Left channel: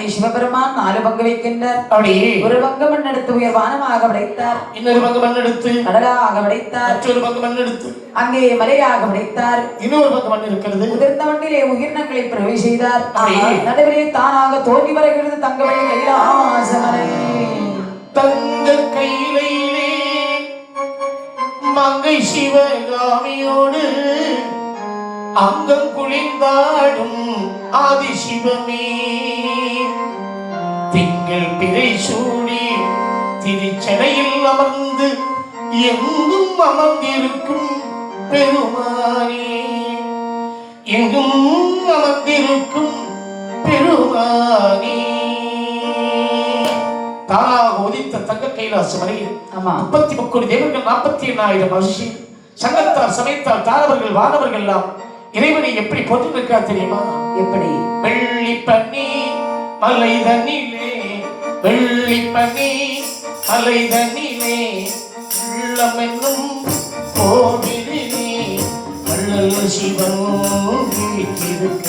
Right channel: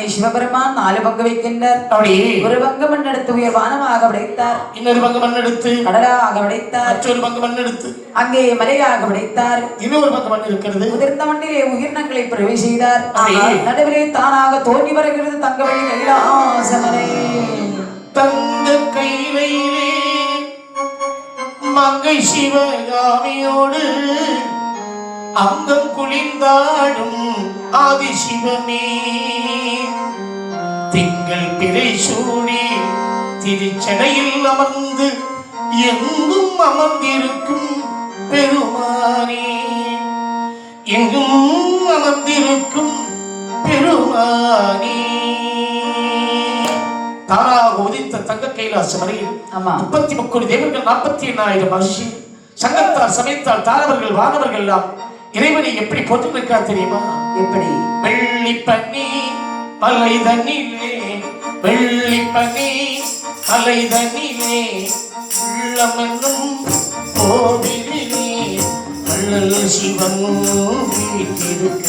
மண்ணை சிவபெருமான் 4 பங்கு வைக்கின்றார். அப்படி ஒரு பங்கு மண் எடுத்து உயர் வானமாக படைத்தார். இன்னொரு பங்கு மண் எடுத்து கடலாக படைத்தார். மற்றொரு பங்கு மண் எடுத்து அங்கே மலையாக படைத்தார். இன்னொரு பங்கு மண் இருக்கிறது. உதிர்ந்த மண்ணிலே உயிரினங்களை பிறவி செய்தார். நடுவிலே தானாக தோன்றி வருகிறது தங்கவெள்ளி கைலாசமலை. தங்க கையிலே மங்கை சிவகாமியோடு அங்கம் குளிர்ந்தாடும் ஆதிசிவமே திங்கள் பிறை சூடி திருச்சடையில் அமர்ந்து எங்கும் அமர்ந்திருக்கும் பெருமானே எங்கும் அமர்ந்திருக்கும் பெருமானே. தானாக உதித்த தங்க கைலாச மலையில் 33 கோடி தேவர்கள் 48,000 மகிழ்ச்சி சங்கத்தால் சமயத்தால் தாரவர்கள் வானவர்கள் எல்லாம் இறைவனை எப்படி போற்றிருக்கா தெரியுமா? எப்படி? வெள்ளி பனி மலை தண்ணிலே வெள்ளி பனி மலை தண்ணிலே உள்ளம் என்னும் கோவிலிலே வள்ளல் சிவன் வீற்றிருக்க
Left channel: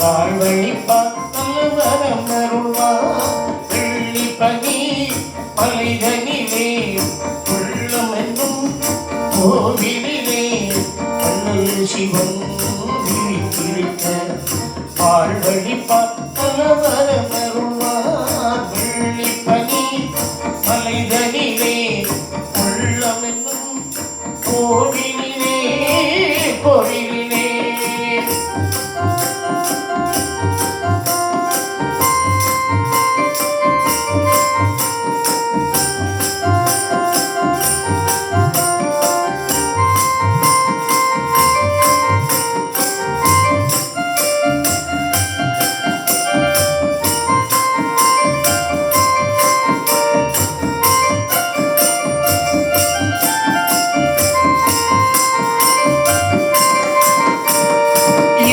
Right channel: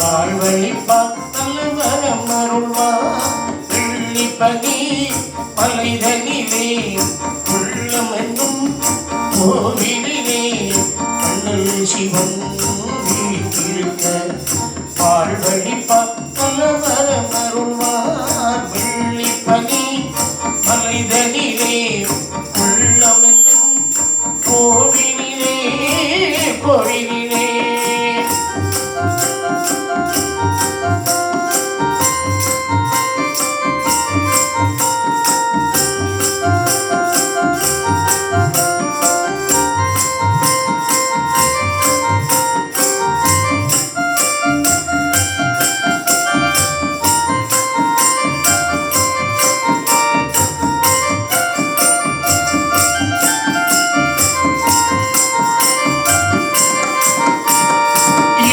வாழ்வழி பார்த்தல்வரம் அருள்வார். வெள்ளி பனி மலை தண்ணிலே உள்ளம் என்னும் கோவிலிலே வள்ளல் சிவன் வீற்றிருக்க வாழ்வழி பார்த்தல்வரம் அருள்வார். வெள்ளி பனி மலை தண்ணிலே உள்ளம் என்னும் கோவிலிலே கோவிலிலே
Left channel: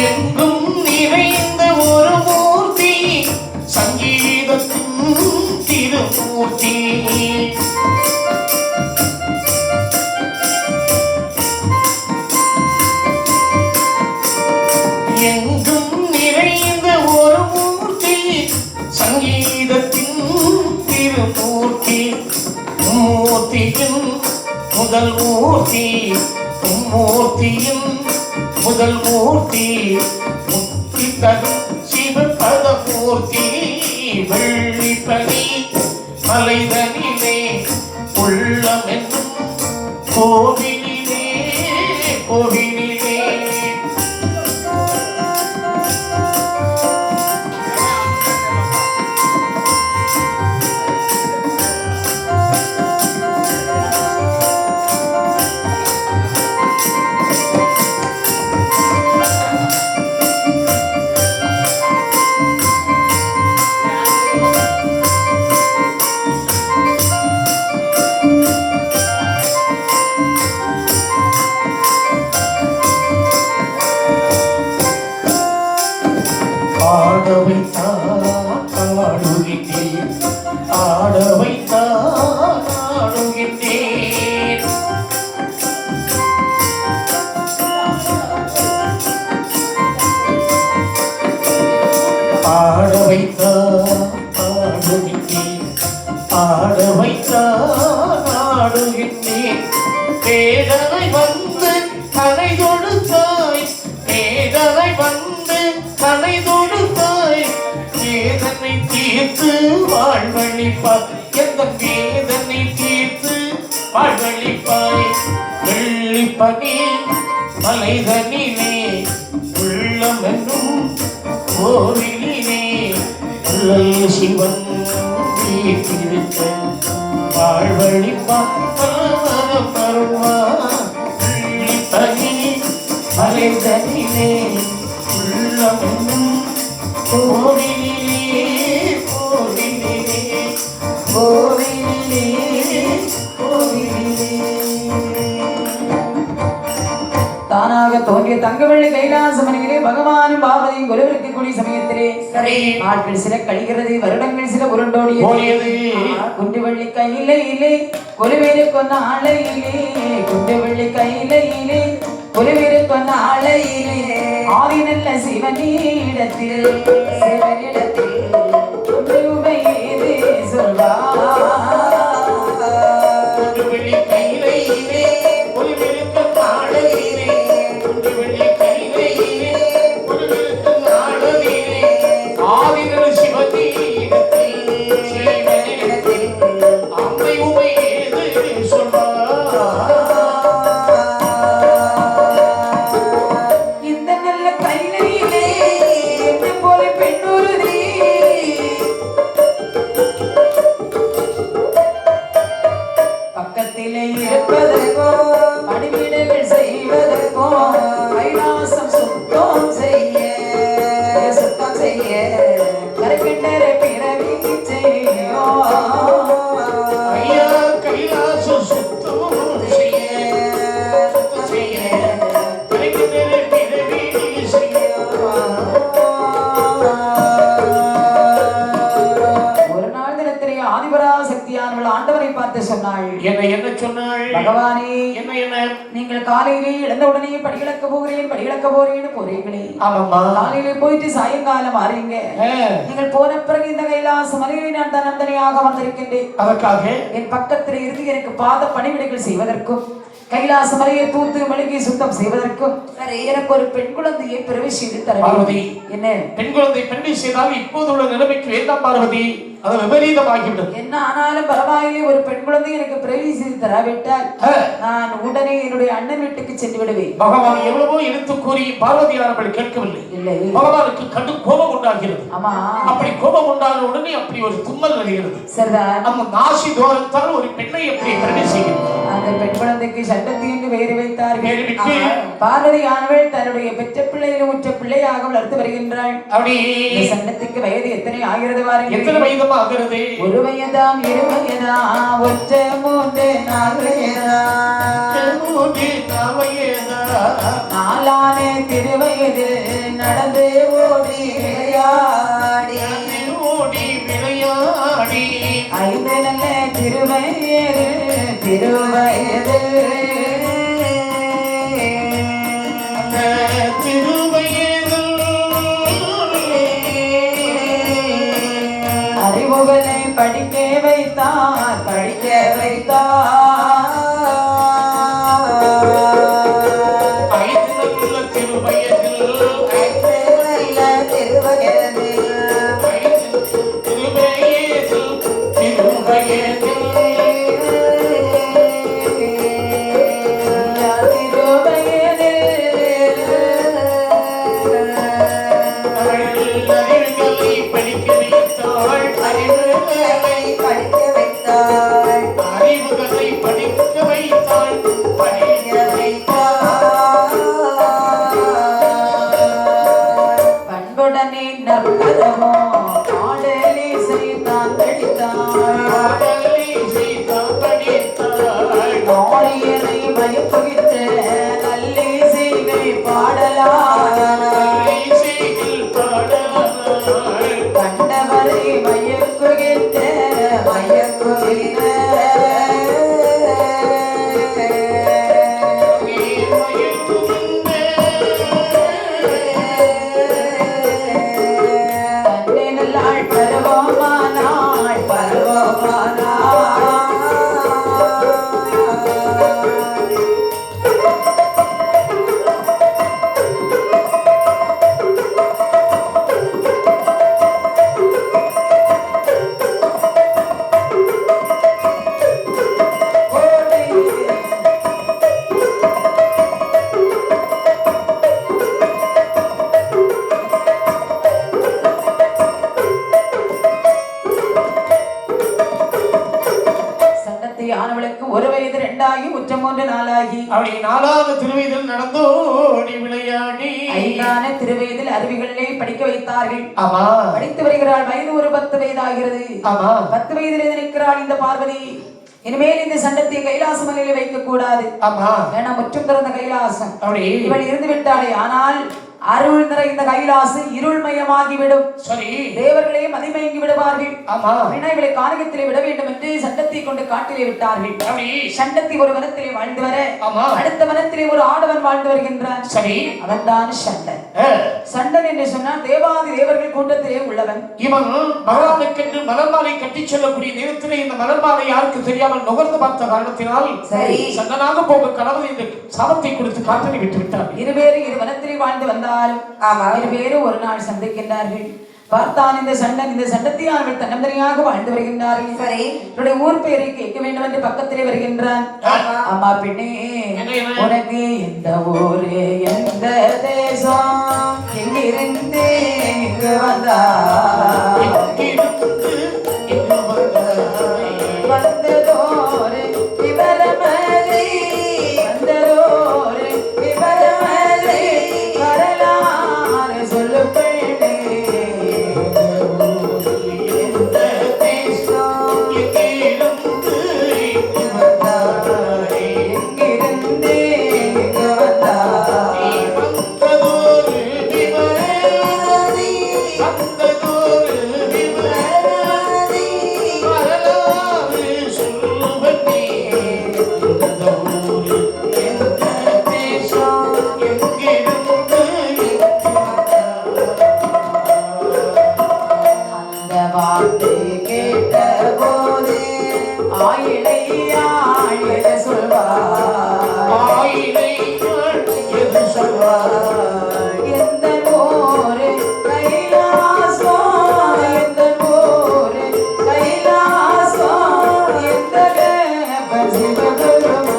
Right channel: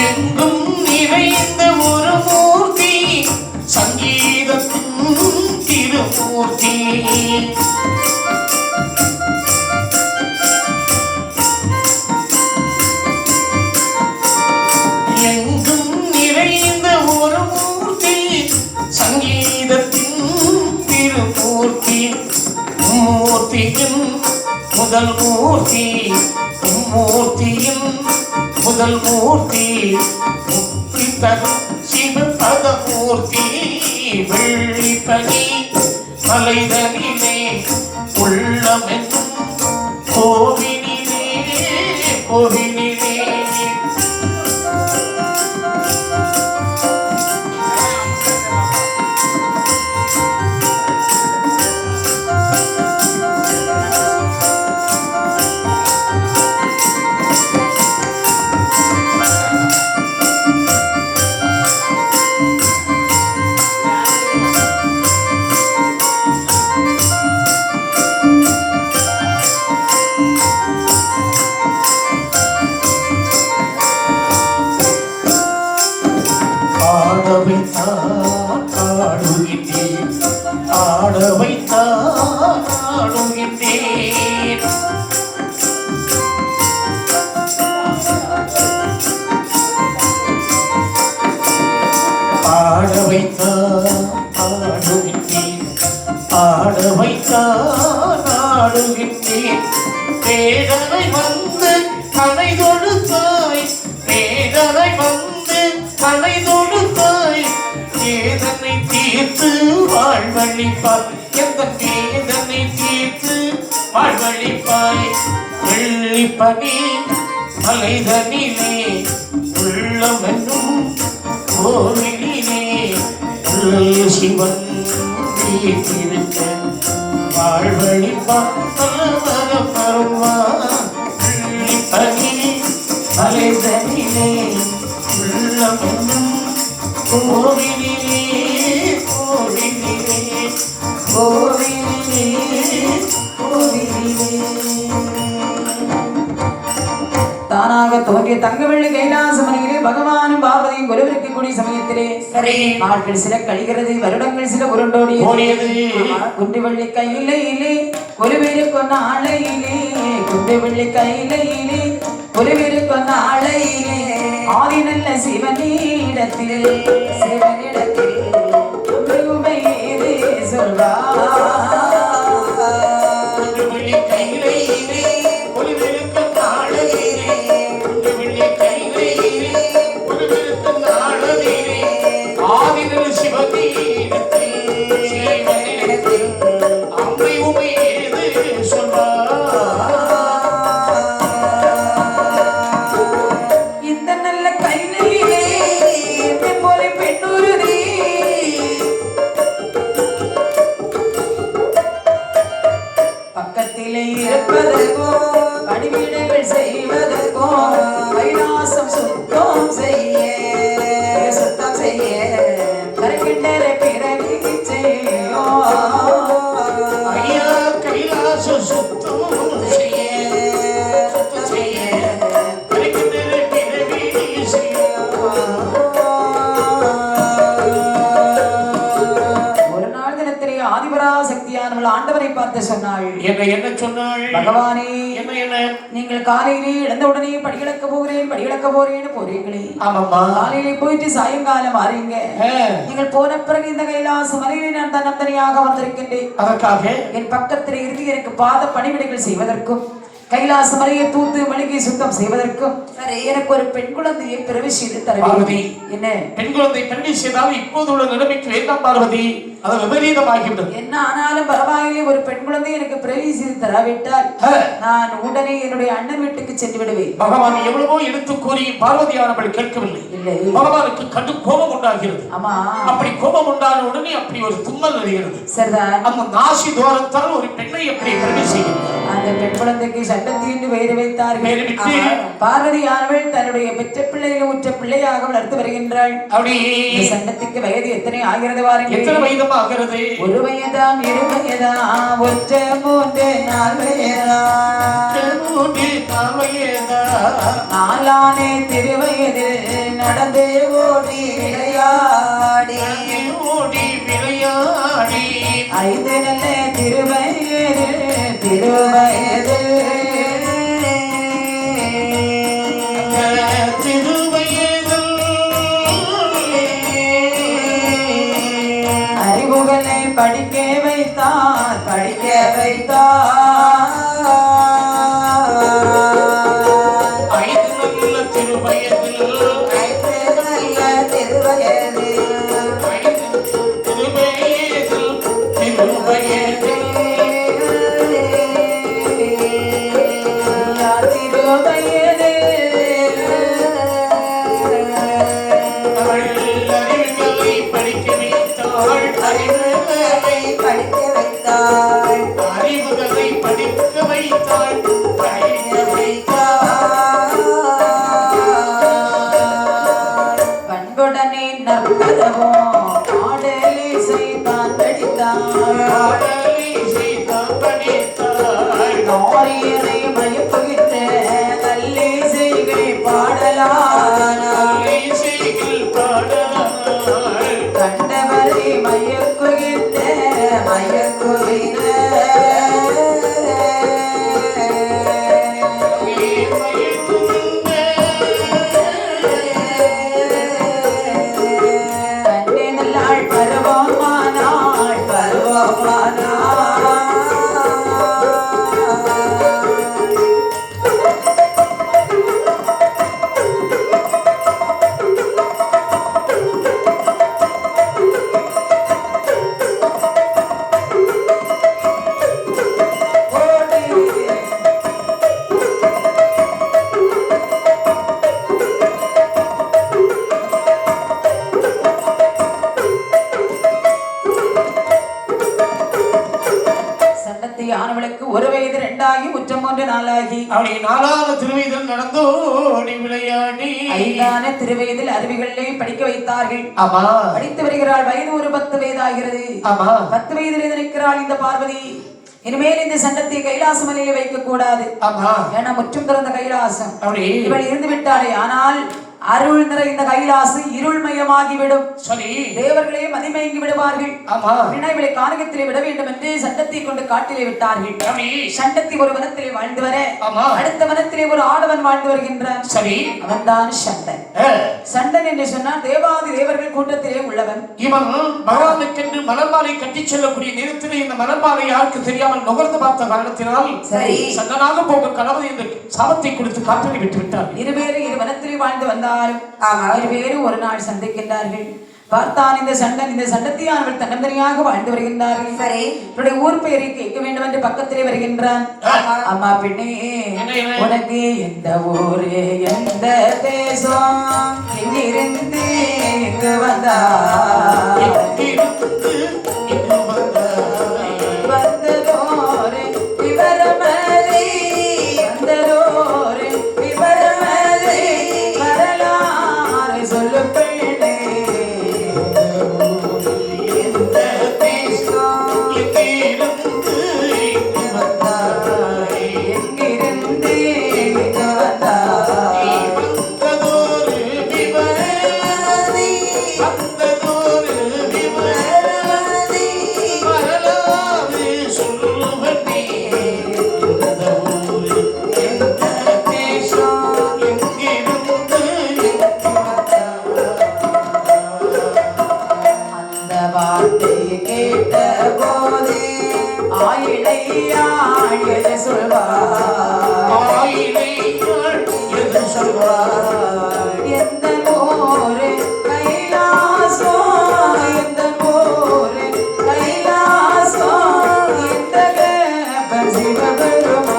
எங்கும் நிறைந்த ஒரு மூர்த்தி சங்கீதத்தின் திருமூர்த்தி. எங்கும் நிறைந்த ஒரு மூர்த்தி சங்கீதத்தின் திருமூர்த்தி. மூர்த்தியின் முதல் மூர்த்தி மூர்த்தியின் முதல் மூர்த்தி முக்தி தரும் சிவபத மூர்த்தி. வெள்ளி பனி மலைதனிலே உள்ளம் என்னும் கோவிலிலே கோவிலிலே வேதனை வந்து கலை தொடுத்தாய் வேதனை வந்து கலை தொடுத்தாய் வேதனை தீர்த்து வாழ்வழிப்பாய் எந்த வேதனை தீர்த்து வாழ்வழிப்பாய். வெள்ளி பனி மலைதனிலே உள்ளம் என்னும் கோவிலிலே வள்ளல் சிவன் வீற்றிருக்க வாழ்வழிப்பாய். வெள்ளி பனி மலைதனிலே உள்ளம் என்னும் கோவிலிலே கோவிலிலே கோவிலிலே கோவிலிலே. தானாக தோன்றிய தங்கவெள்ளி கைலாசமலையிலே பகவானும் பார்வதியும் ஒருவருக்கு கூடிய சமயத்திலே நாட்கள் சில கழிகிறது, வருடங்கள் சில உருண்டோடியது. குண்டு வெள்ளி கையிலே ஒருவேறு கொண்ட ஆளையிலே குண்டு வெள்ளி கையிலே ஒருவேறு கொண்ட ஆளையிலே ஆதி நல்ல சிவனிடத்தில் செய்ய கரைக்கின்ற பிறவி செய்யோ ஐயா கைலாச சுத்தம் செய்ய கரைக்கின்ற பிறவி செய்ய. ஒரு நாள் தினத்திலே ஆதிபராசக்தியானவள் ஆண்டவரை பார்த்து சொன்னாள். என்ன சொன்னாள்? பகவானே, என்ன நீங்கள் காலையிலே எழுந்தவுடனே படிகளக்க போறேன்னு போறீங்களே. ஆமாம்மா. காலையிலே போயிட்டு சாயங்காலம் மாறீங்க. நீங்கள் போன பிறகு இந்த கைலாச மலையிலே நான் தன்னந்தனியாக வந்திருக்கின்றேன். அதற்காக என் பக்கத்தில் இருந்து எனக்கு பாத பணிவிடைகள் செய்வதற்கும் கைலாச மலையை தூத்து மெழுகி சுத்தம் செய்வதற்கும் எனக்கு ஒரு பெண் குழந்தையை பிரவேசித்து தர பார்வதி. என்ன பெண் குழந்தை பெண்ணை செய்தால் இப்போது உள்ள நிலைமைக்கு வேண்டாம் பார்வதி, அது விபரீதமாகிவிடும். என்ன ஆனாலும் பரவாயில்லை, ஒரு பெண் குழந்தை எனக்கு பிரவேசித்து தராவிட்டால் நான் உடனே என்னுடைய அண்ணன் வீட்டுக்கு சென்று விடுவேன். பகவான் எவ்வளவோ எடுத்து கூறி பார்வதியானவள் கேட்கவில்லை. இல்லை, பகவானுக்கு கடும் கோபம் உண்டாகிறது. ஆமா, அப்படி கோபம் உண்டான உடனே அப்படி ஒரு தும்மல் வருகிறது. சரிதான். அந்த நாசி தோரத்தால் ஒரு பெண்ணை எப்படி பிரவேசிக்கிறது? அந்த பெண் குழந்தைக்கு சட்டத்திற்கு பெயர் வைத்தார்கள். பார்வதியானவள் தன்னுடைய பெற்ற பிள்ளைகளை உற்ற பிள்ளையாக வளர்த்து வருகின்றாள். அப்படி சட்டத்துக்கு வயது எத்தனை ஆகிறது பாருங்கள். எத்தனை வயது ஆகிறது? ஒரு வயதாம், இரு வயதாம், ஒற்ற மூன்று நாலு நாளானே திருவயதில் நடந்தே ஓடி விளையாடி ஐந்து நல்ல திருவயது அறிவுகளை படிக்க வைத்தார் ஒரு வயது இரண்டாகி உற்றம் மூன்று நாளாகி அப்படி நாலாவது திருவயதில் நடந்தோடி விளையாடி ஐந்தான திருவயதில் அருவிகளை படிக்க வைத்தார்கள். ஆமா, படித்து வருகிறாள். வயது ஒரு 10 வயதாகிறது. ஆமா, 10 வயதில் நிற்கிறாள் இந்த பார்வதி. இனிமேல் இந்த சண்டத்தை கைலாச மலையில வைக்க கூடாது. ஆமா, ஏன்னா முற்றும் திறந்த கைலாசம். அப்படி இவள் இருந்து விட்டாளே. ஆனால் அருள் நிறைந்த கைலாசம் இருள்மயமாகிவிடும். சரி, தேவர்களே மதிமயங்கி விடுவார்கள். ஆமா, இவளை கானகத்திலே விட வேண்டும் என்று சண்டத்தை கொண்டு காட்டிலே விட்டார்கள். சண்டத்தி ஒரு வனத்திலே வாழ்ந்து வர அடுத்த வனத்திலே ஒரு ஆடவன் வாழ்ந்து வருகின்றான். சரி, அவன் தான் சண்டன். சண்டன் என்று சொன்னால் தேவாதி தேவர்கள் கூட்டத்திலே உள்ளவன். இவன் பகவானுக்கென்று மலர்மாலை கட்டி செல்லக்கூடிய நேரத்திலே இந்த மலர்மாலை யாருக்கு தெரியாமல் நுகர்ந்து பார்த்த காரணத்தினால் சரி சண்டனாக போக கணவன் இந்த சாபத்தை கொடுத்து காற்றலை விட்டு விட்டார். இருவேறு இரு வனத்திலே வாழ்ந்து வந்தால் இருவேறு ஒரு நாள் சந்திக்கின்றார்கள். பார்த்தான் இந்த சண்டன் இந்த சண்டத்தியானவள் தன்னந்தனியாக வாழ்ந்து வருகின்றார்கள். சரி, இவருடைய ஊர் பெயரை கேட்க வேண்டும் என்று பக்கத்திலே வருகின்றான். அம்மா பெண்ணே, உனக்கு எந்த ஊரு எந்த தேசம் எங்கிருந்து இங்கு வந்தா வந்ததோரு விவரமலை வந்ததோரு விவரமலை வரலாறு சொல்லு பெண்ணே வந்ததொரு விவரமதி வரலாறு சொல்லுவதே இந்த ஊரு எந்த தேசம் எங்கிருந்து அந்த வார்த்தை கேட்ட போதே ஆயிலை ஆயில சொல்வார் ஆயிலை எது சொல்வார் எந்த போரு கைலாசம் எந்த போரு கைலாசம் எந்த சிவபெருமான்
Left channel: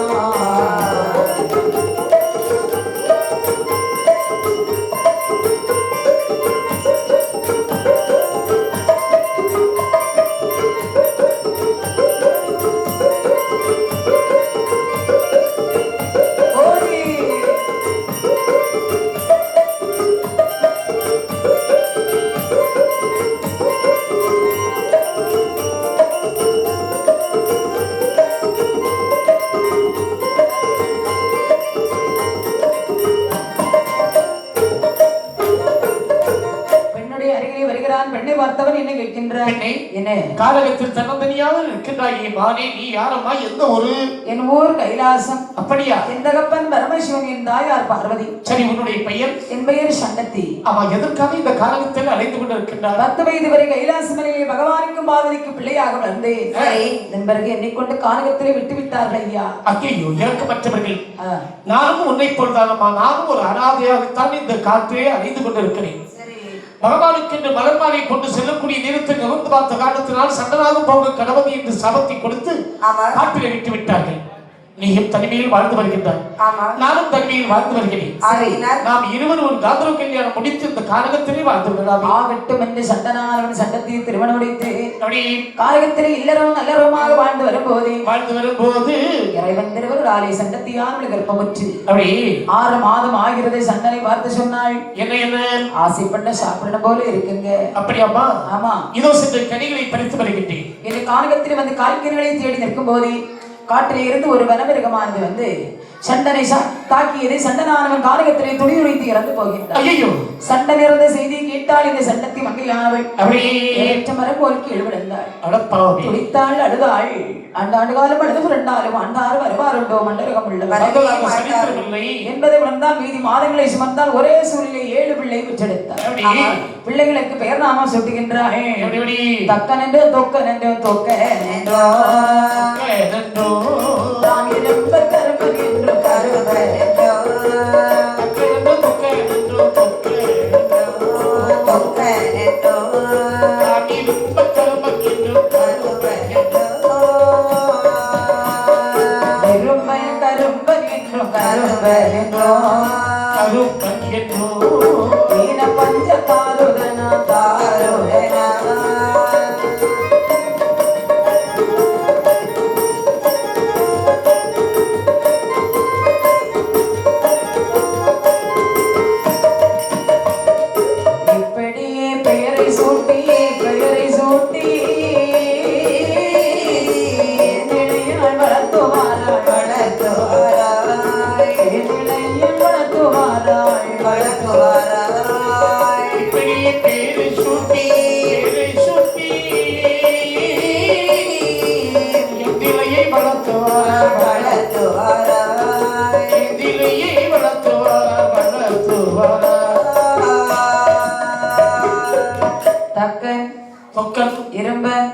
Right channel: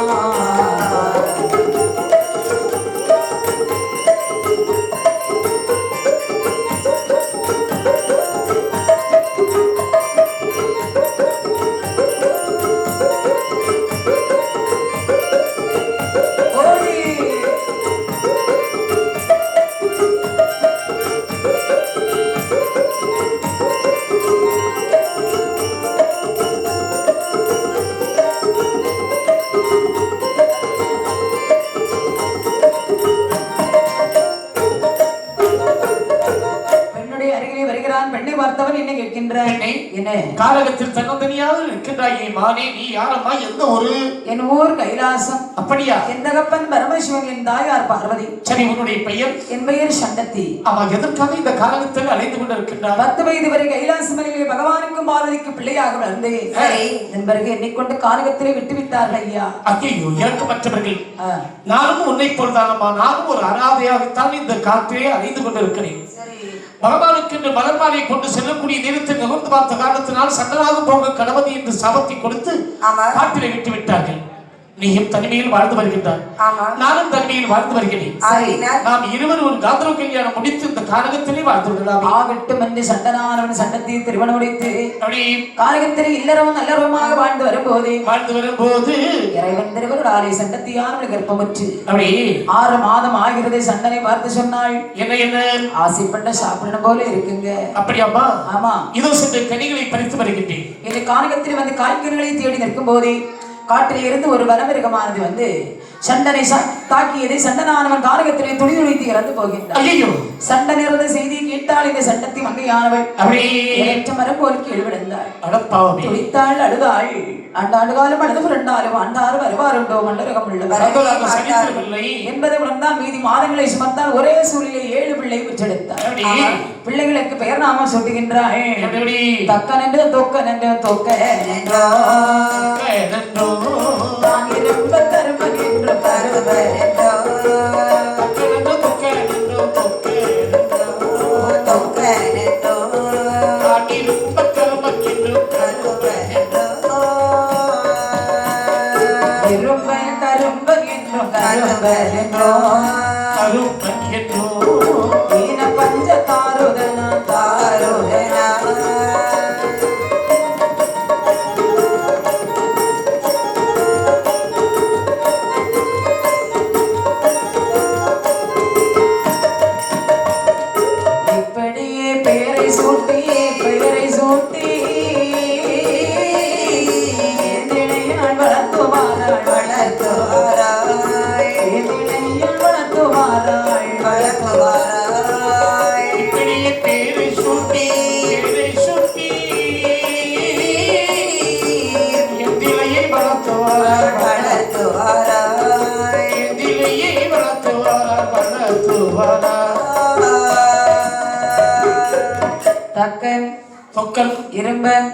ஓடி பெண்ணுடைய அருகிலே வருகிறான். பெண்ணை பார்த்தவன் என்ன கேட்கின்றான்? பெண்ணே, என்ன? காலகத்தில் தன்னந்தனியாக இருக்கின்றாயே மானே, நீ யாரம்மா, எந்த ஊரு? என் ஊர் கைலாசம். அப்படியா? என் தகப்பன் பரமசிவன், என் தாயார் பார்வதி. சரி, உன்னுடைய பெயர்? என் பெயர் சண்டத்தி. ஆமா, எதற்காக இந்த காலகத்தில் அலைந்து கொண்டிருக்கின்றார்? 10 வயது வரை கைலாசமலையிலே பகவானுக்கும் பார்வதிக்கும் பிள்ளையாக வளர்ந்து இதன் பிறகு எண்ணிக்கொண்டு கானகத்திலே விட்டுவிட்டார்கள் ஐயா. ஐயோ, இறக்கமற்றவர்கள். நானும் உன்னை போல்தானம்மா, நானும் ஒரு அனாதையாகத்தான் இந்த காட்டிலே அலைந்து கொண்டிருக்கிறேன். பகவானுக்கு என்று மலர்மாலை கொண்டு செல்லக்கூடிய நேரத்தில் நிமிர்ந்து பார்த்த காரணத்தினால் சண்டனாக போக கணபதி என்று சாபத்தை கொடுத்து காட்டிலே விட்டு விட்டார்கள். நீயும் தனிமையில் வாழ்ந்து வருகின்றார், நானும் தனிமையில் வாழ்ந்து வருகிறேன். நாம் இருவரும் ஒரு காதல கல்யாணம் முடித்து இந்த கானகத்திலே வாழ்ந்து விடலாம். ஆகட்டும் என்று சண்டனானவன் சண்டத்தை திருமணம் முடித்து கானகத்திலே இல்லறவும் நல்லறவுமாக வாழ்ந்து வரும்போது இறைவன் திருவருளாலே சண்டத்தியானவள் கர்ப்பமுற்று அப்படி 6 மாதம் ஆகிறது. சண்டனை பார்த்து சொன்னாள், என்ன என்ன ஆசைப்பட்ட சாப்பிடணும் போல இருக்குங்க. அப்படியாமா? ஆமா. இதோ சென்று கனிகளை பறித்து வருகின்றேன். இந்த கானகத்தில் வந்து காய்கறிகளை தேடி நிற்கும் போதே காட்டிலே இருந்து ஒரு வனமிருகமானது வந்து சண்டனை தாக்கியதை சண்டனானவன் கானகத்திலே துடி துடித்து இறந்து போகின்றான். ஐயோ! சண்டன் இறந்த செய்தி கேட்டால் இந்த சண்டத்தி மங்கையானவள் ஏற்ற மரம் போல் கீழ் விழுந்தாள். துடித்தாள், அழுதாள். ஆண்டாண்டு காலம் அழுது புரண்டாலும் ஆண்டாறு வருவாருண்டோ மண்டரகம் உள்ளவர் என்பதை உணர்ந்தால் மீதி மாதங்களை சுமந்தால் ஒரே சூழ்நிலை 7 பிள்ளை பெற்றெடுத்தார். பிள்ளைகளுக்கு பெயர் நாமம் சுட்டுகின்றாள். தக்கன் என்று தொக்கன் என்று தொக்க தான் இரும்ப தருமன் என்று கருவர்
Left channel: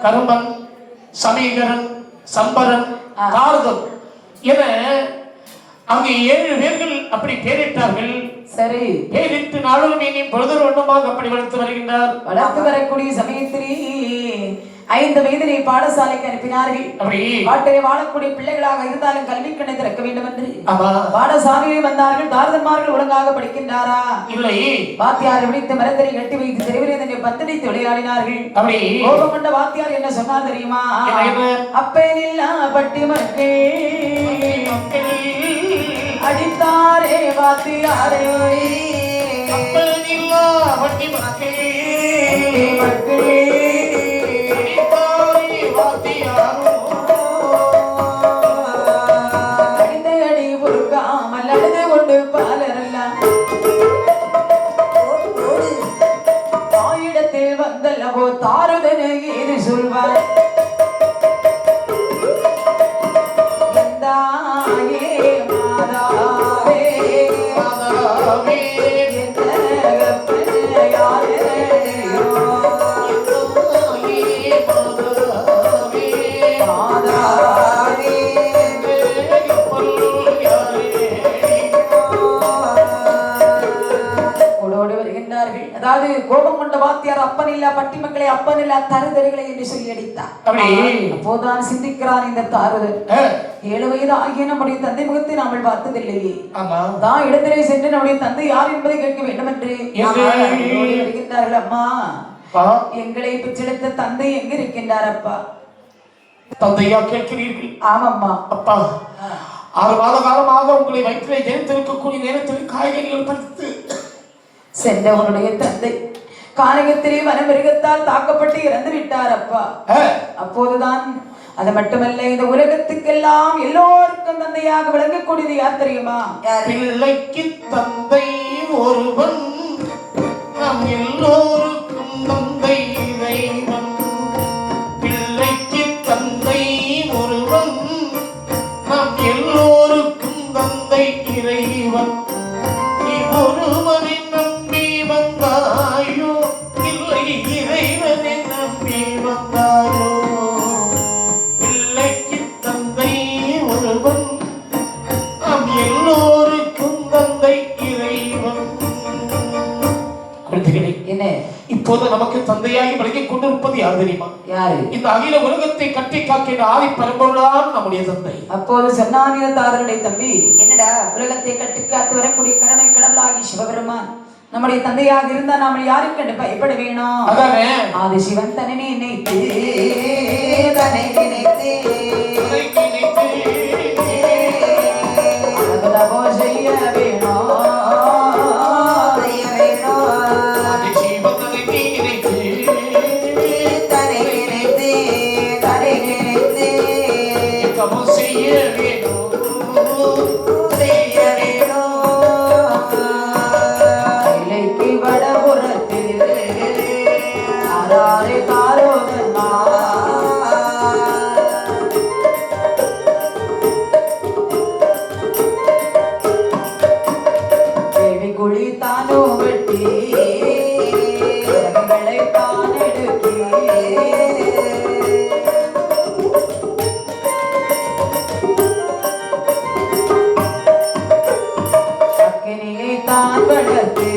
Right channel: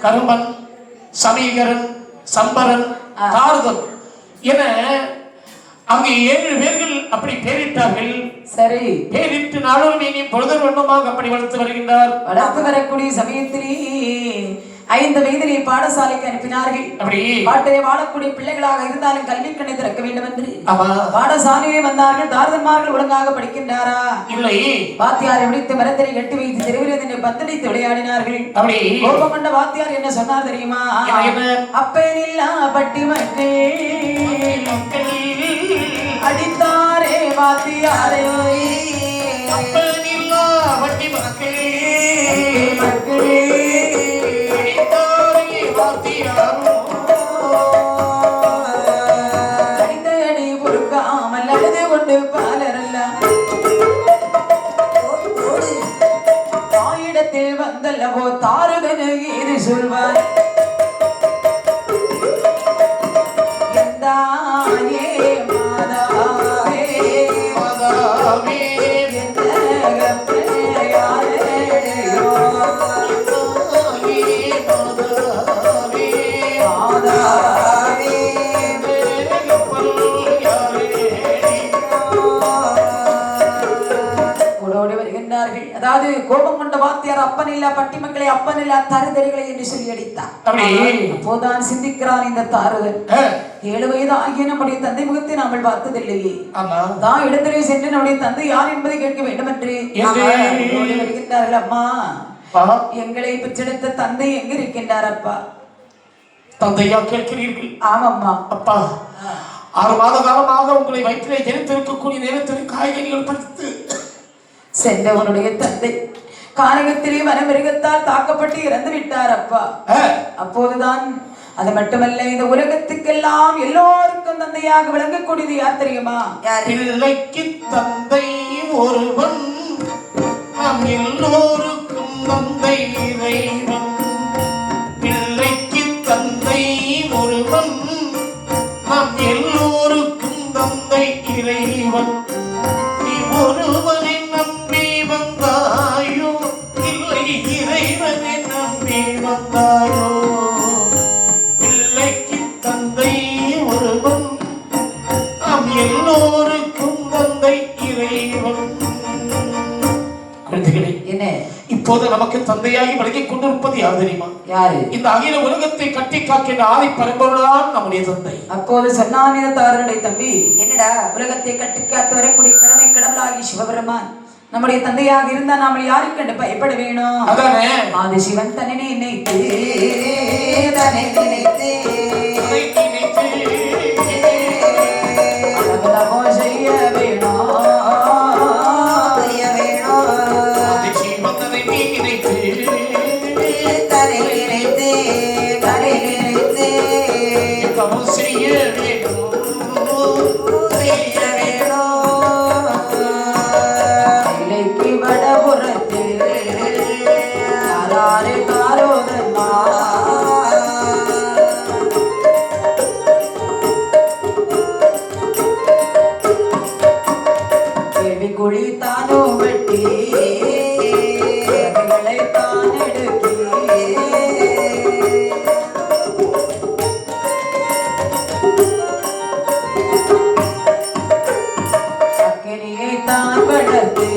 கரும்பன், சமீகரன், சம்பரன், தாரதன் என அங்கே 7 பேர்கள் அப்படி பேரிட்டார்கள். சரி, பேரிட்டு நாளும் நீ பொழுது வண்ணமாக அப்படி வளர்த்து வருகின்றார். வளர்த்து வரக்கூடிய சமயத்திலே 5 வயதிலே பாடசாலைக்கு அனுப்பினார்கள். அப்படி பாட்டிலே வாழக்கூடிய பிள்ளைகளாக இருந்தாலும் கல்வி கண்ணை திறக்க வேண்டும் என்று பாடசாலையிலே வந்தார்கள். தாரதன்மார்கள் ஒழுங்காக படிக்கின்றாரா இல்லை, வாத்தியாரை விழித்து மரத்தினை கட்டி வைத்து தெருவிலே பந்தடித்து விளையாடினார்கள். அப்படி கோபம் கொண்ட வாத்தியார் என்ன சொன்னார் தெரியுமா? அப்பனில்லா பட்டி மக்கள் அடித்தாரே வாத்தியாரே, அப்பனில்லா பட்டி மக்களே அடித்தடி பொறுக்காமல் அழுது கொண்டு பாலரெல்லாம் ஆயிடத்தில் உலகத்தில் வந்தல்லவோ தாருதனு இது சொல்வாய் எந்தாயே மாதாவே மாதாவே அதாவது கோபம் கொண்ட வாத்தியார் அப்பன் இல்ல பட்டி மக்களை அப்பன் இல்ல தருதல்களை என்று சொல்லி அடித்தார். அப்போதான் சிந்திக்கிறான் இந்த தாருதல். 7 வயது ஆகிய நம்முடைய தந்தை முகத்தை நாமல் பார்த்ததில்லையே. தான் இடத்திலே சென்று நம்முடைய தந்தை யார் என்பதை கேட்க வேண்டும் என்று வருகின்றார்கள். அம்மா எங்களை பெற்றெடுத்த தந்தை எங்க இருக்கின்றார் அப்பா? தந்தையா கேட்கிறீர்கள்? ஆமாம்மா. அப்பா 6 மாத காலமாக உங்களை வயிற்றிலே ஜெனித்திருக்கக்கூடிய நேரத்தில் காய்கறிகள் பறித்து சென்றவனுடைய தந்தை காரகத்திலே வனமிருகத்தால் தாக்கப்பட்டு இறந்து விட்டார் அப்பா. அப்போதுதான் அது மட்டுமல்ல இந்த உலகத்துக்கெல்லாம் எல்லோருக்கும் தந்தையாக விளங்கக்கூடியது யார் தெரியுமா? பிள்ளைக்கு தந்தை ஒருவன், நம் எல்லோருக்கும் தந்தை இறைவன். பிள்ளைக்கு தந்தை ஒருவன், நம் எல்லோருக்கும் தந்தை இறைவன். நீ ஒருவனை நம்பி வந்தாயோ, இல்லை இறைவனை நம்பி வந்தாயோ. பிள்ளைக்கு தந்தை ஒருவன், நாம் எல்லோருக்கும் தந்தை இறைவன். குழந்தைகளே, என்ன இப்போது நமக்கு தந்தையாகி விலகிக் கொண்டிருப்பது யார் தெரியுமா? யாரு? இந்த அகில உலகத்தை கட்டி காக்கின்ற ஆதி பரம்பொருள்தான் நம்முடைய தந்தை. அப்போது சொன்னானிய தாரனுடைய தம்பி, என்னடா உலகத்தை கட்டி காத்து வரக்கூடிய கருணை கடவுளாகி சிவபெருமான் நம்முடைய தந்தையாக இருந்தா நாம யாருக்கு கண்டு பயப்பட வேணும்? அதானே ஆதி சிவன் தன்னை நினைத்து தன்னை நினைத்து செய்ய வேணும். குழி தானோ வெட்டி தான் எடுக்கி அக்கினியை தான் வளர்த்து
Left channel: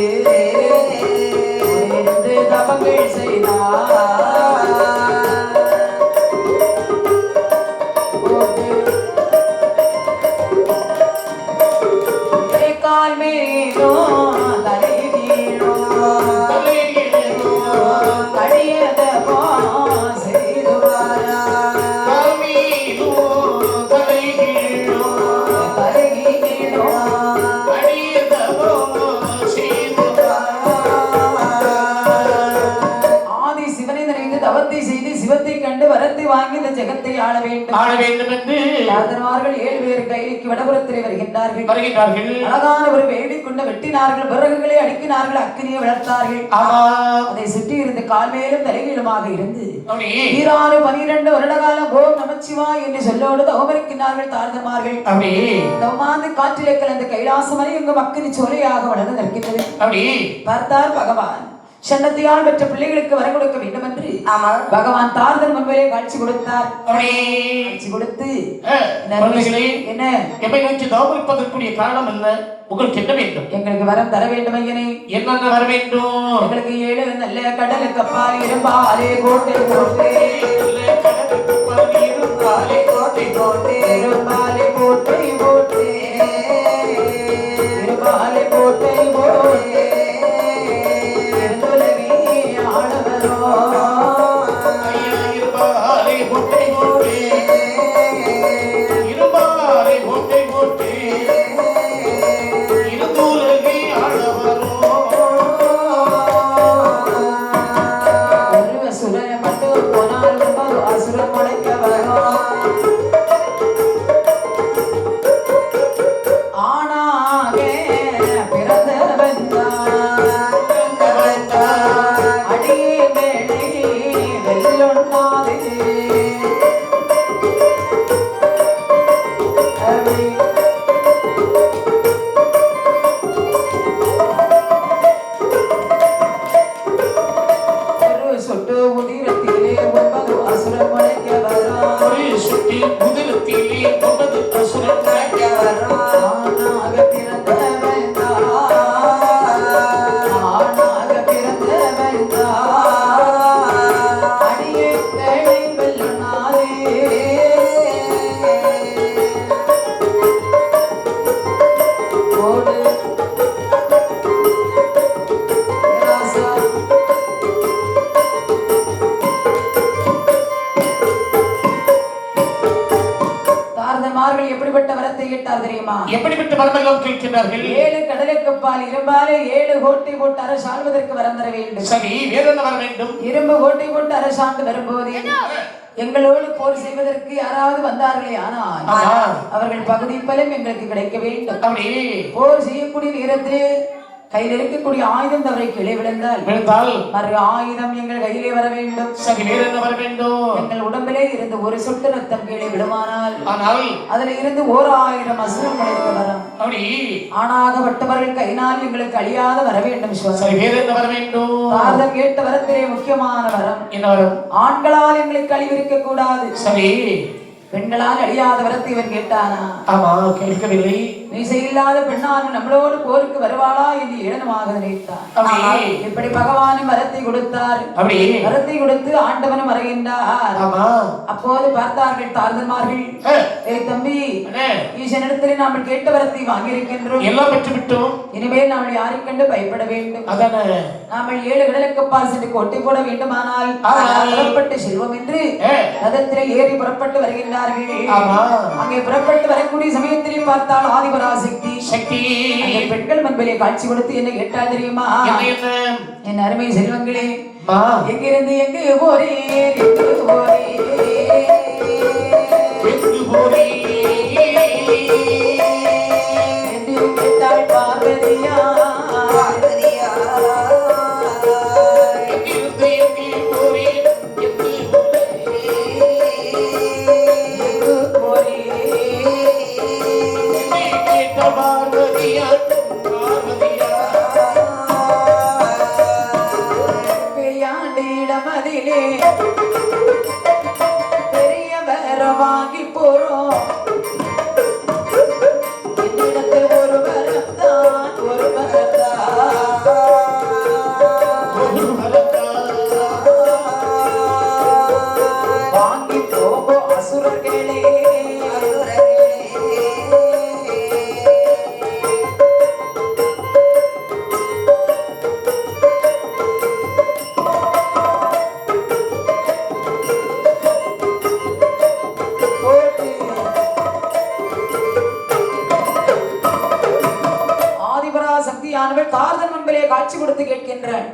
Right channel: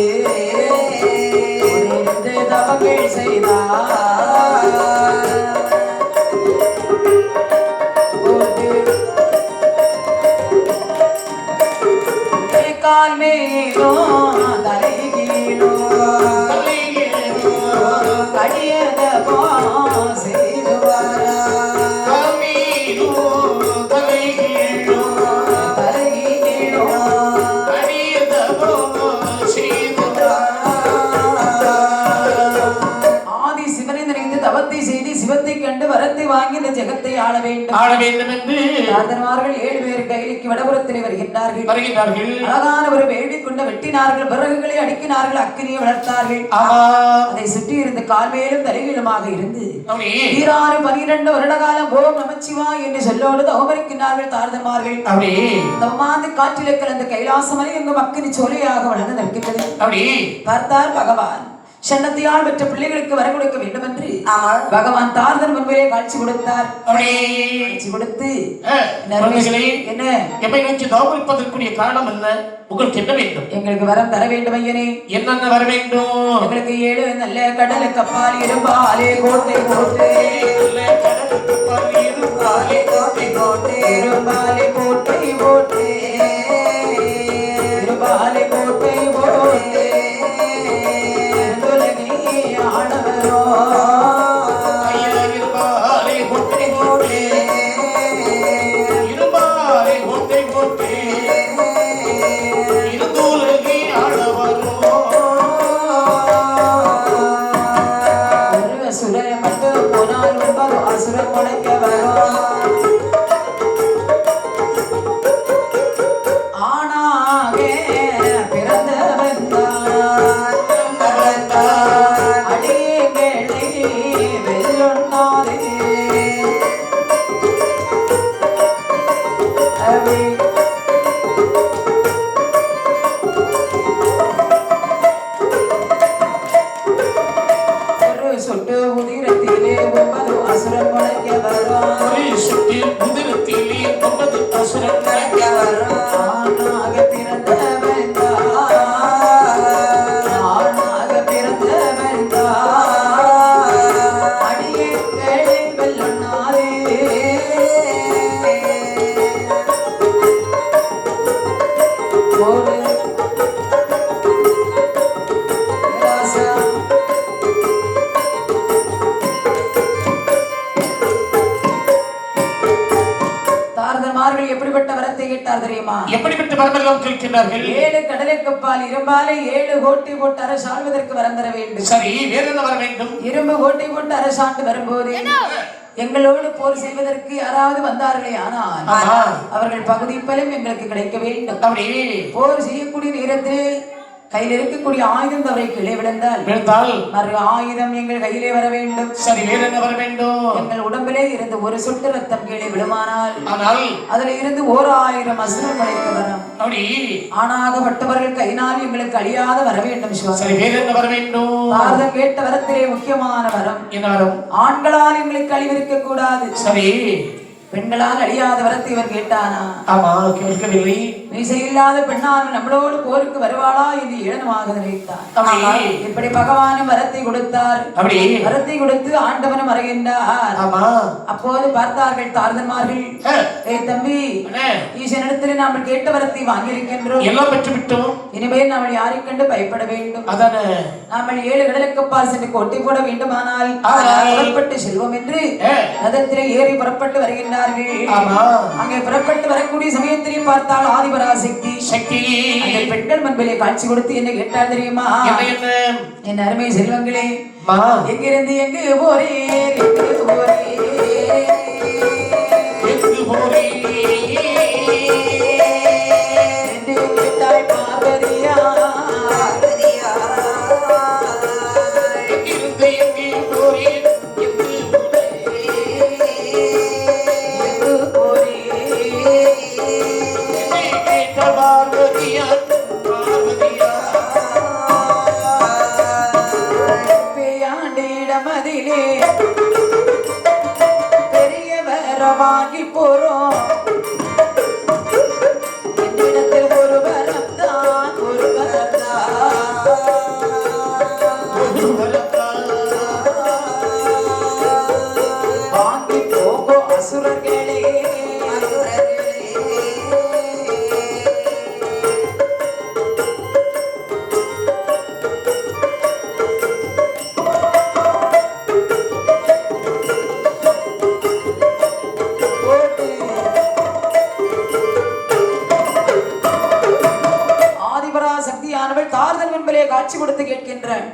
இருந்து தவங்கள் செய்தார். கால் மேலோ சிவத்தை கண்டு வரத்தை வாங்கி இந்த ஜெகத்தை ஆள வேண்டும் என்று ராஜன்மார்கள் 7 பேர் கையிலுக்கு வடபுறத்திலே வருகின்றார்கள். அழகான ஒரு வேடி கொண்டு வெட்டினார்கள், விறகுகளை அடுக்கினார்கள், அக்கினியை வளர்த்தார்கள். அதை சுற்றி இருந்த கால்மேலும் தலைவீழுமாக இருந்து 12 வருட காலம் ஓம் நமச்சிவாய் என்று சொல்லோடு தவமரிக்கின்றார்கள் தாரதன்மார்கள். தவமாந்து காற்றிலே கலந்த கைலாசமலை எங்கும் அக்கினி சோலையாக வளர்ந்து நிற்கின்றது. பார்த்தார் பகவான் சன்னத்தியால் பெற்ற பிள்ளைகளுக்கு வர கொடுக்க வேண்டும் என்று பகவான் தாரதன் முன்பே காட்சி கொடுத்தார். காட்சி கொடுத்து என்ன எப்பை நோக்கி தவமிருப்பதற்குரிய காரணம் என்ன? உங்களுக்கு என்ன வேண்டும்? எங்களுக்கு வரம் தர வேண்டும் ஐயனே. என்னென்ன வர வேண்டும்? எங்களுக்கு 7 நல்ல கடலுக்கு பால் இரும்பாலே கோட்டை கோட்டை இரும்பாலே கோட்டை கோட்டை இரும்பாலே கோட்டை கோட்டை இரும்பாலே கோட்டை கோட்டை எப்படிப்பட்ட வரமெல்லாம் கேட்கிறார்கள்? 7 கடலுக்குப்பால் இரும்பாலே 7 கோட்டை போட்டு அரசாள்வதற்கு வரம் தர வேண்டும். சரி, வேற என்ன வர வேண்டும்? இரும்பு கோட்டை போட்டு அரசாண்டு வரும்போது எங்களோடு போர் செய்வதற்கு யாராவது வந்தார்களே ஆனால் அவர்கள் பகுதி பலம் எங்களுக்கு கிடைக்க வேண்டும். அப்படி போர் செய்யக்கூடிய நேரத்தில் கையில் இருக்கக்கூடிய ஆயுதம் தவறை கீழே விழுந்தால் மறு ஆயுதம் எங்கள் கையிலே வர வேண்டும். சரி, வேற என்ன வர வேண்டும்? எங்கள் உடம்பிலே இருந்து ஒரு சொட்டு ரத்தம் கீழே விழுமானால் ஆனால் அதுல இருந்து 1000 அசுரன் படைக்க வரும். அப்படி ஆனாகப்பட்டவர்கள் கையினால் எங்களுக்கு அழியாத வர வேண்டும். சரி, வேற என்ன வர வேண்டும்? பாரதம் கேட்ட வரத்திலே முக்கியமான வரம். என்ன வரம்? ஆண்களால் எங்களுக்கு அழிவிருக்க கூடாது. சரி, பெண்களால் அழியாத வரத்தை இவன் கேட்டானா? ஆமா, கேட்கவில்லை. மீசை இல்லாத பெண்ணான் நம்மளோடு போருக்கு வருவாளா என்று ஏளனமாக நினைத்தார். இப்படி பகவானும் வரத்தை கொடுத்தார். அப்படி வரத்தை கொடுத்து ஆண்டவனும் வருகின்றார். அப்போது பார்த்தார்கள் தார்தன்மார்கள், தம்பி, ஈசனிடத்தில் நாம் கேட்ட வரத்தை வாங்கியிருக்கின்றோம், எல்லாம் பெற்றுவிட்டோம். இனிமேல் நாம் யாரை கண்டு பயப்பட வேண்டும். நாம் 7 கடலுக்கு பால் சென்று கோட்டை போட வேண்டுமானால் புறப்பட்டு செல்வோம் என்று ரதத்திலே ஏறி புறப்பட்டு வருகின்றார்கள். அங்கே புறப்பட்டு வரக்கூடிய சமயத்திலே பார்த்தால் ஆதிபராசக்தி அந்த பெண்கள் முன்பிலே காட்சி கொடுத்து என்ன கேட்டால் தெரியுமா? என் அருமை செல்வங்களே, எங்கிருந்து எங்கு போறேன், எங்கு போறேன், எங்கு போறேன் என்று கேட்டாள் பார்வதியா. பெரிய வர வாங்கி போறோம், என்னிடத்தில் ஒரு வரம் தான், ஒரு வரம் தான், வாங்கி போகோ அசுரர்களே. காட்சி கொடுத்து கேட்கின்றான்,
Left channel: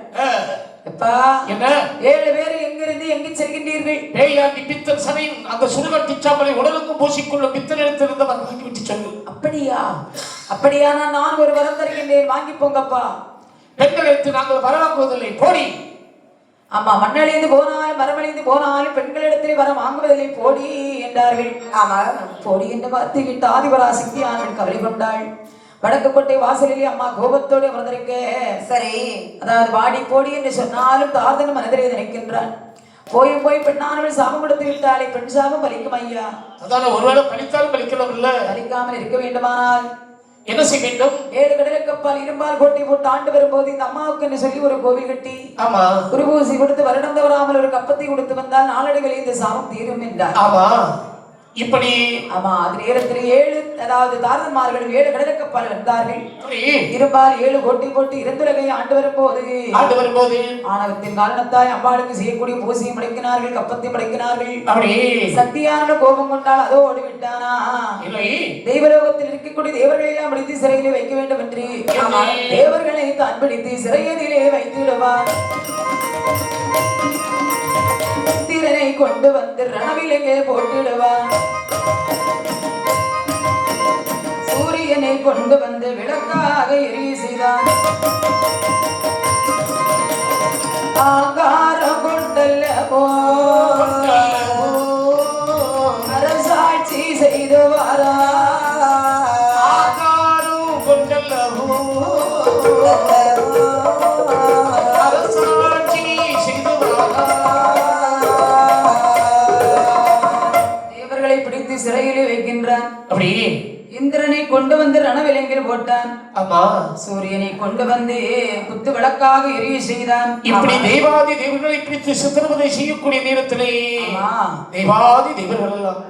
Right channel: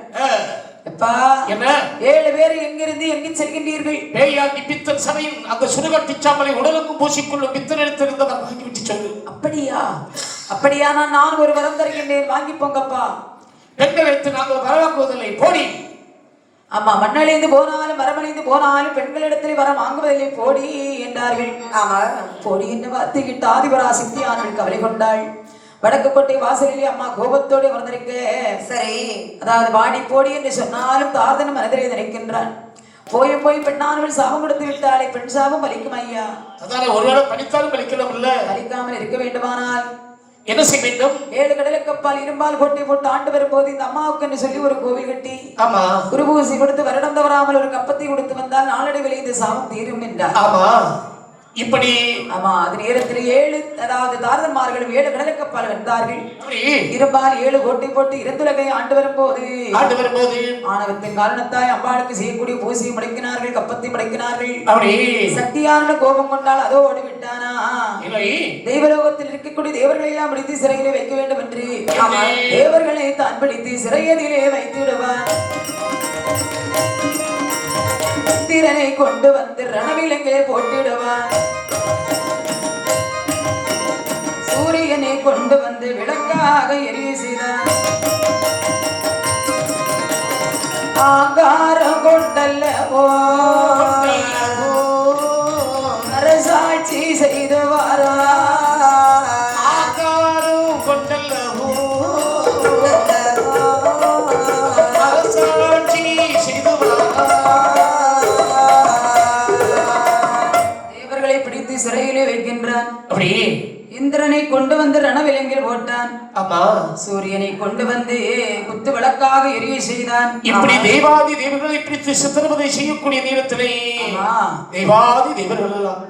7 பேர் எங்கிருந்து எங்கு செல்கின்றீர்கள்? அந்த சுடுகாட்டு சாம்பலை உடலுக்கும் பூசிக்கொள்ளும் பித்தனிடத்திலிருந்து வாங்கிவிட்டு சொல்லு. அப்படியா? அப்படியானா நான் ஒரு வரம் தருகின்றேன், வாங்கி போங்கப்பா. பெண்கள் வைத்து நாங்கள் வரவாக்குவதில்லை, போடி. ஆமா, மண்ணழிந்து போனாலும் மரமழிந்து போனாலும் பெண்களிடத்திலே வரம் வாங்குவதில்லை, போடி என்றார்கள். ஆமா, போடி என்று வார்த்தை விட்டு ஆதிபராசக்தி ஆனவள் கவலை கொண்டாள். வடக்கு கோட்டை வாசலிலே அம்மா கோபத்தோடு வந்திருக்க. சரி, அதாவது வாடி போடி என்று சொன்னாலும் தார்தனும் மனதிலே நினைக்கின்றான். போய் பெண்ணானவள் சாபம் கொடுத்து விட்டாலே பெண் சாபம் பலிக்கும் ஐயா. அதால ஒருவேளை பலித்தாலும் பலிக்கலாம் இல்ல, பலிக்காமல் இருக்க வேண்டுமானால் என்ன செய்ய வேண்டும்? 7 கடலுக்கப்பால் இரும்பால் கோட்டை போட்டு ஆண்டு வரும்போது இந்த அம்மாவுக்கு என்று சொல்லி ஒரு கோவில் கட்டி குருபூசி கொடுத்து வருடம் தவறாமல் ஒரு கப்பத்தை கொடுத்து வந்தால் நாளடைவில் இந்த சாபம் தீரும் என்றார். இப்படி ஆமா, அது நேரத்தில் 7 அதாவது தாரதன்மார்களும் 7 கடலுக்கப்பால் வந்தார்கள். இரும்பால் 7 கோட்டை போட்டு இருந்துலகை ஆண்டு வரும்போது ஆணவத்தின் காரணத்தாய் அம்பாளுக்கு செய்யக்கூடிய பூசியை படைக்கினார்கள், கப்பத்தை படைக்கினார்கள். சக்தியான கோபம் கொண்டால் அதோ ஓடி விட்டானா? தெய்வலோகத்தில் இருக்கக்கூடிய தேவர்களை எல்லாம் பிடித்து சிறையிலே வைக்க வேண்டும் என்று தேவர்களை தான் பிடித்து சிறையதிலே வைத்திடுவார். திறனை கொண்டு வந்து ரணவிலங்கே போட்டிடுவான். சூரியனை கொண்டு வந்து விளக்காக எரிய செய்தான். ஆகாரம் கொண்டல்லவோ அரசாட்சி செய்தவாரா, ஆகாரம் கொண்டல்லவோ அரசாட்சி செய்தவாரா. தேவர்களை பிடித்து சிறையிலே வைக்கின்றான். அப்படி இந்திரனை கொண்டு வந்து ரணவிலங்கில் போட்டான். ஆமா, சூரியனை கொண்டு வந்து குத்து விளக்காக எரிய செய்தான். இப்படி தெய்வாதி தேவர்களை பிடித்து சித்திரவதை செய்யக்கூடிய நேரத்திலே தெய்வாதி தேவர்கள் எல்லாம்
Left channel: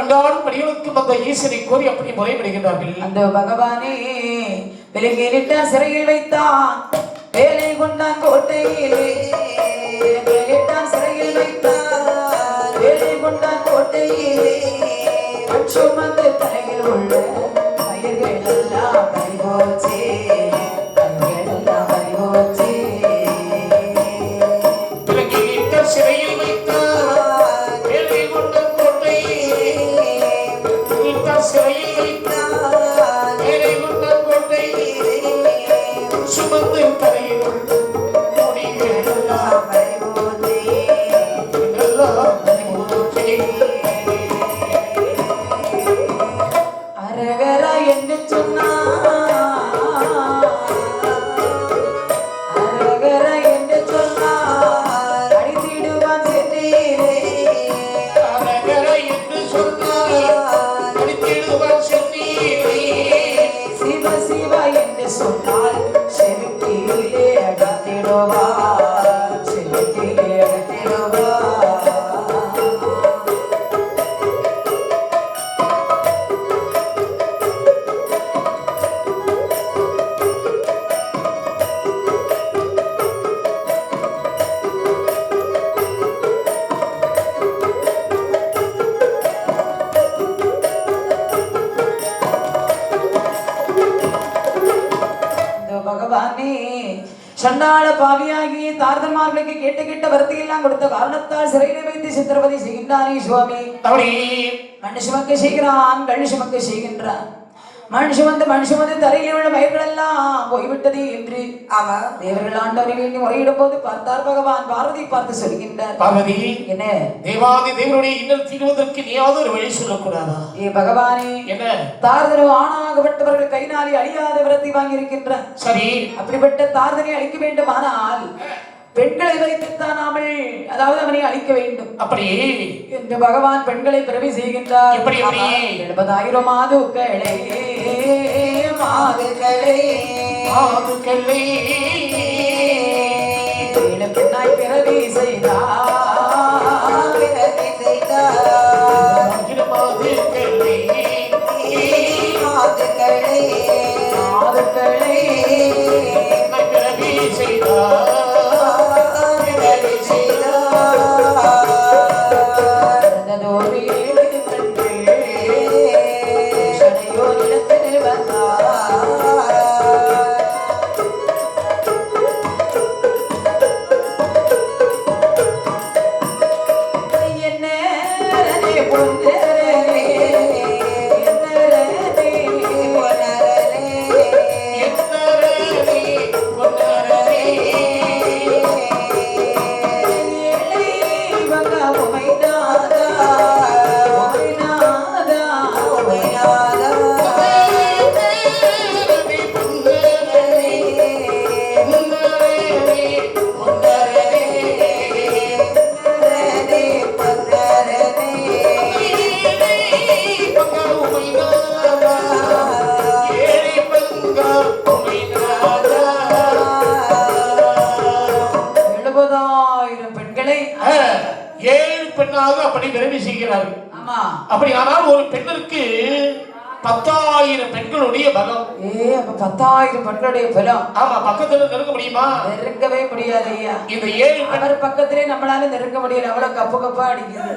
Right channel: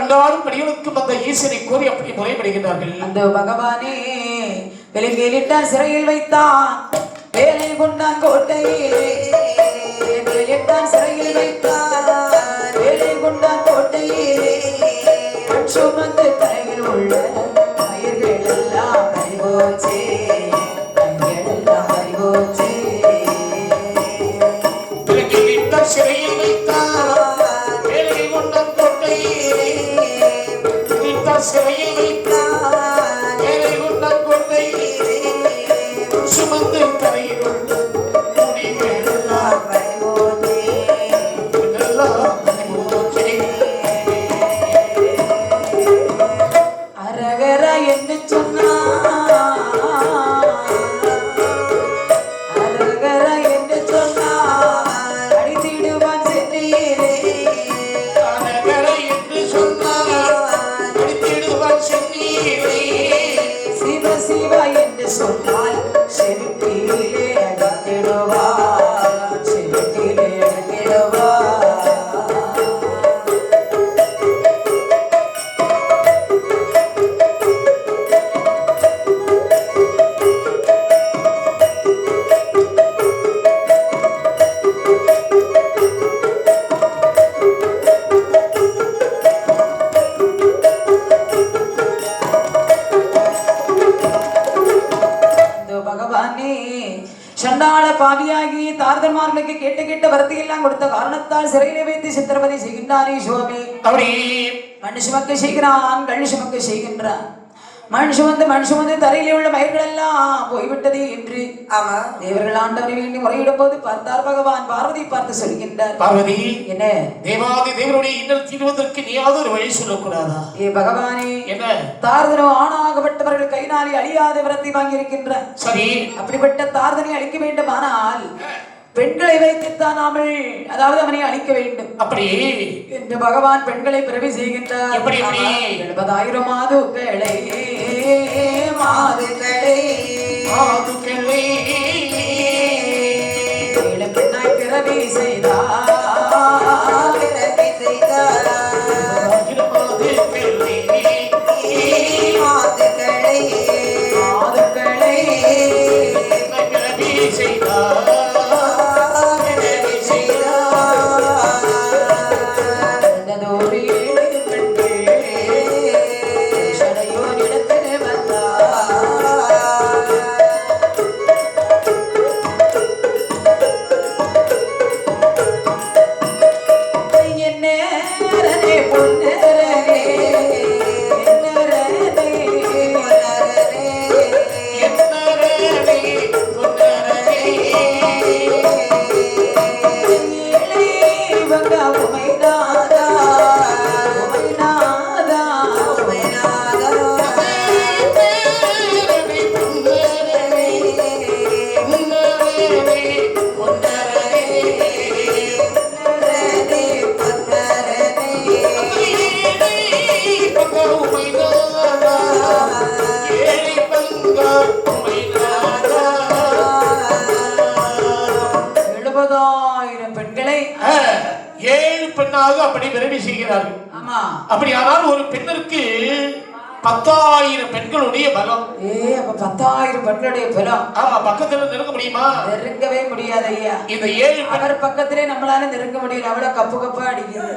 அன்றாடும் படிகளுக்கு வந்த ஈசனை கோரி அப்படி முறைப்படுகிறார்கள். அந்த பகவானே விலங்கிலிட்டார், சிறையில் வைத்தான், வேலை கொண்டான் கோட்டையிலே, சிறையில் வைத்தான், வேலை கொண்டான் கோட்டையிலே, சுமந்து தலையில் உள்ள சிறையில் வைத்தார் வேலை கொண்டம் கொண்டை சிறையில் வைத்தார் வேலை கொண்டம் கொண்டை சுமந்து தரையில் அரகர என்று சொன்னார் அரகர என்று சொன்னார் அடித்திடுவான் சென்றீரே அரகர என்று சொன்னார் அடித்திடுவான் சென்றீரே சிவ சிவ என்று சொன்னால் செலுத்திலே அடித்திடுவார் செலுத்திலே அடித்திடுவார் பகவானே சண்டாள பாவியாகி தார்தமார்களுக்கு கேட்ட கேட்ட வரத்தையெல்லாம் கொடுத்த காரணத்தால் சிறையிலே வைத்து சித்திரவதை செய்கின்றானே சுவாமி அப்படி மனுஷமக்கு செய்கிறான் கழுஷமக்கு செய்கின்றான் மனுஷன் வந்து தரையிலே உள்ள மயிர்கள் எல்லாம் போய்விட்டது என்று தேவர்கள் ஆண்டவரை வேண்டி முறையிடும் போது பார்த்தார் பகவான் பார்வதி பார்த்து சொல்கின்றார் பார்வதி என்ன தேவாதி தேவருடைய இன்னல் தீர்வதற்கு நீயாவது ஒரு வழி சொல்லக்கூடாதா ஏ பகவானே என்ன தார்தனோ ஆணாகப்பட்டவர்கள் கைனாலே அழியாத விரத்தை வாங்கி இருக்கின்றார் சரி அப்படிப்பட்ட தார்தனை அழிக்க வேண்டுமானால் பெண்களை வைத்துத்தான் நாமல் அதாவது அவனை அழிக்க வேண்டும் அப்படி என்று பகவான் பெண்களை பிறவி செய்கின்றார் எப்படி 70,000 மாதுக்களை மாதுக்களை பெண்ணாய் பிறவி செய்தார் மாதுக்களை பெண்ணாக அப்படி விரைவி செய்கிறார்கள். அப்படி ஆனால் ஒரு பெண்ணிற்கு 10,000 பெண்களுடைய பலம். அப்ப 10,000 பெண்களுடைய பலம். ஆமா, பக்கத்துல நெருங்க முடியுமா? நெருங்கவே முடியாது ஐயா. இந்த 7 அவர் பக்கத்திலே நம்மளால நெருங்க முடியல, அவ்வளவு கப்பு கப்பா அடிக்குது.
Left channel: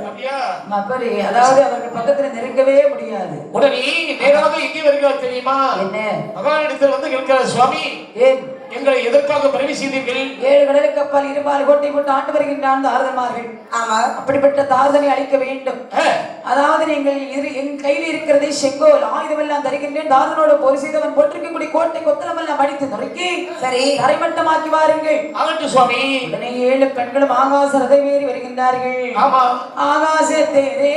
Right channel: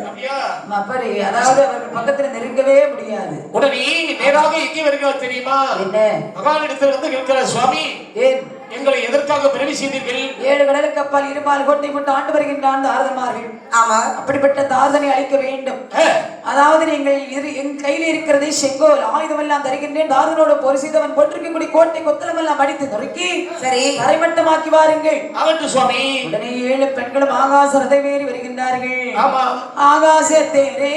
அப்படி அதாவது அவர் பக்கத்துல நெருங்கவே முடியாது. உடனே நேராக எங்கே வருகிறார் தெரியுமா? என்ன? மகானிடத்தில் வந்து கேட்கிறார், சுவாமி ஏன் எங்களை எதற்காக பிறவி செய்தீர்கள்? 7 கடலுக்கு அப்பால் இருபால் கோட்டை போட்டு ஆண்டு வருகின்றான் தாரதமார்கள். ஆமா, அப்படிப்பட்ட தாரதனை அழிக்க வேண்டும். அதாவது நீங்கள் என் கையில் இருக்கிறதை செங்கோல் ஆயுதம் எல்லாம் தருகின்றேன். தாரதனோட போர் செய்தவன் போட்டிருக்கக்கூடிய கோட்டை கொத்தளம் எல்லாம் அடித்து நொறுக்கி சரி தரைமட்டமாக்கி வாருங்கள். ஆகட்டும் சுவாமி. உடனே 7 பெண்களும் ஆகாச ரதம் ஏறி வருகின்றார்கள். ஆமா, ஆகாச தேரே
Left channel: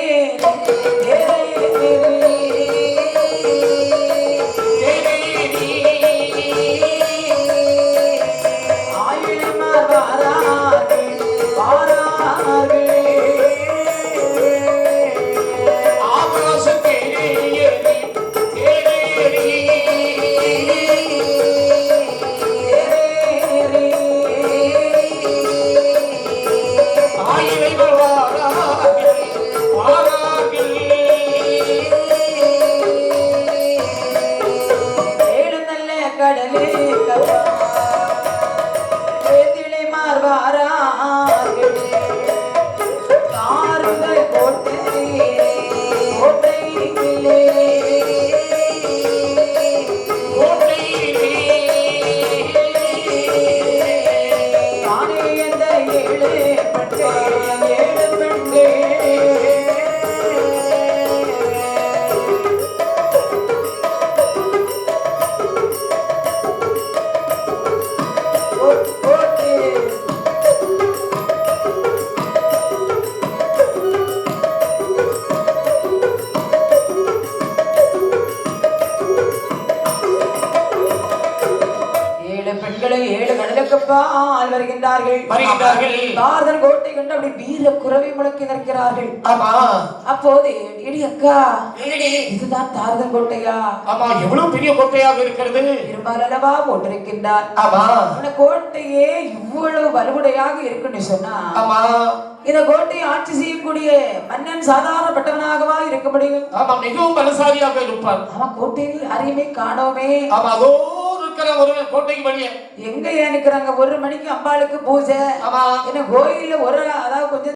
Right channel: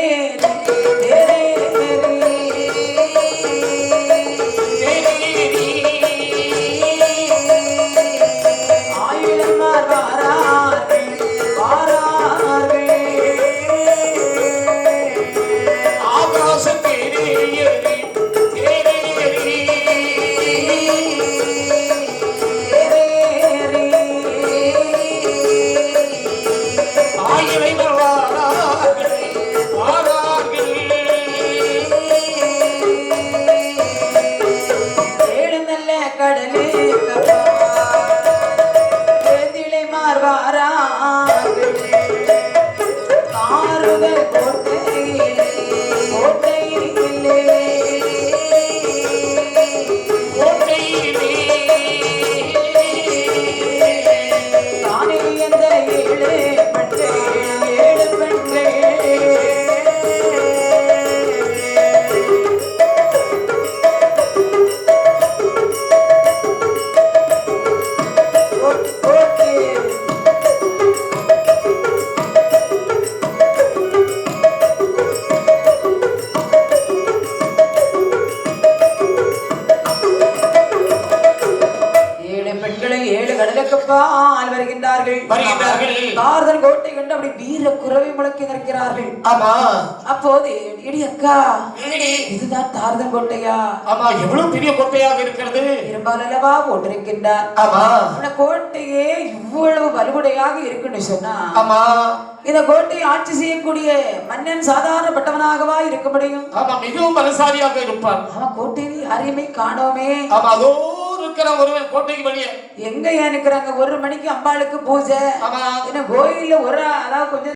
கோட்டை கண்டு அப்படி வீர குரவை முழக்கி நிற்கிறார்கள். ஆமா. அப்போது இடி அக்கா, என்னடி இதுதான் தாரதன் கோட்டையா? ஆமா, எவ்வளவு பெரிய கோட்டையாக இருக்கிறது. பெரும்பாலவா போட்டிருக்கின்றார். ஆமா, இந்த கோட்டையே இவ்வளவு வலுவுடையாக இருக்குன்னு சொன்னா, ஆமா, இந்த கோட்டையை ஆட்சி செய்யக்கூடிய மன்னன் சாதாரணப்பட்டவனாகவா இருக்க முடியும்? ஆமா, மிகவும் பலசாலியாக இருப்பான். ஆமா, கோட்டையில் யாரையுமே காணோமே. ஆமா, அதோ இருக்கிற கோட்டைக்கு வெளியே எங்க நிக்கிறாங்க? 1 மணிக்கு அம்பாளுக்கு பூஜை. ஆமா, என்ன கோயில்ல ஒரு